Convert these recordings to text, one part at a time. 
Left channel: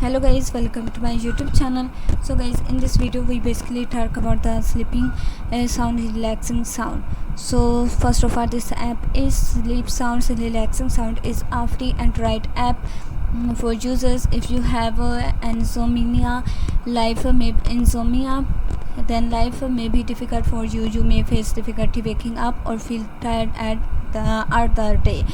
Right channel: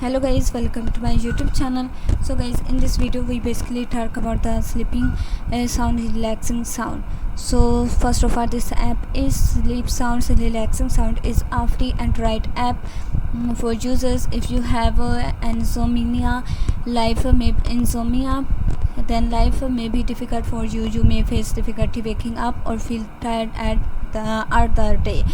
Hello guys, welcome to my YouTube channel. So guys, in this video we basically talk about the sleeping sound, relaxing sound. So first of all, this app is Sleep Sounds Relaxing Sound is a free Android app for users. If you have insomnia, then life may be difficult for you. You may face difficulty waking up or feel tired at the day.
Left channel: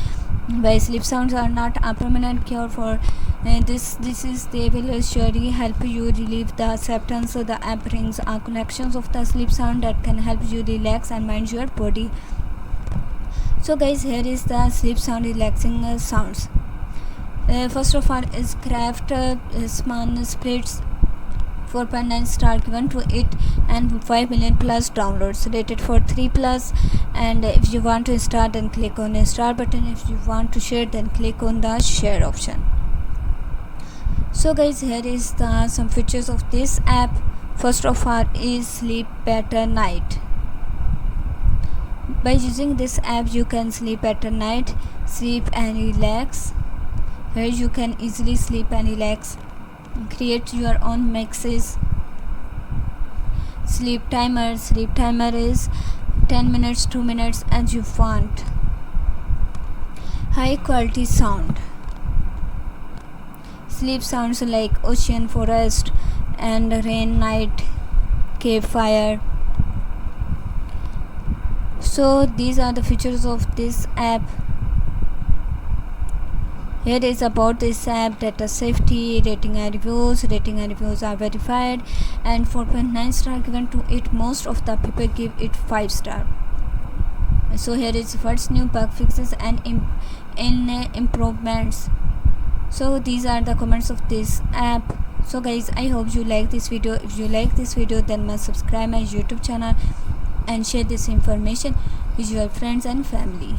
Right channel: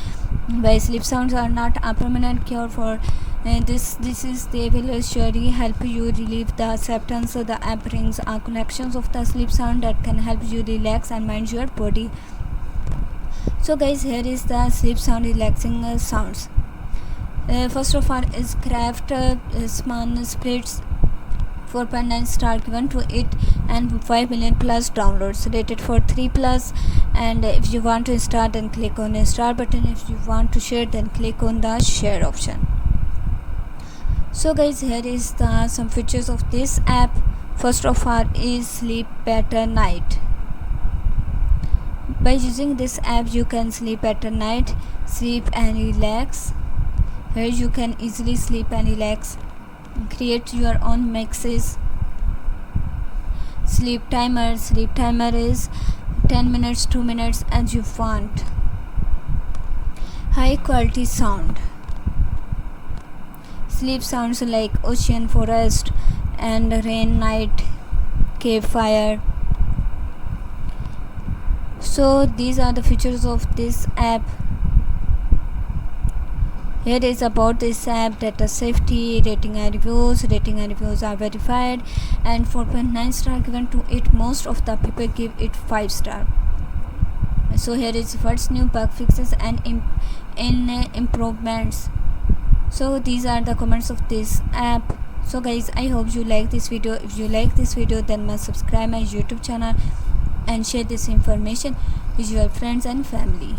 While sleep sounds are not a permanent cure for they will surely help you relieve the symptoms. So the app brings a collections of the sleep sound that can help you relax and mind your body. So guys, here is the sleep sound relaxing sounds. First of all is Craft Sman Splits 4.9 star given to it and 5 million plus downloads, rated for 3+. And if you want to install, then click on the start button. If you want to share, then click on the share option. So guys, here is the some features of this app. First of all is sleep better night. By using this app you can sleep better night, sleep and relax. Here you can easily sleep and relax, create your own mixes. Sleep timer is 10 minutes, 2 minutes as you want. High quality sound. Sleep sounds like ocean, forest and rain, night, cave fire. So these are the features of this app. Here is about this app: data safety, rating and reviews. Rating and reviews are verified and 4.9 star given to it. Most of the people give it 5 star. So here is first new bug fixes and improvements. So these are the comments of this app. So guys, I hope you like this video. If you like this video, then must subscribe my YouTube channel and share this information with your friends and family.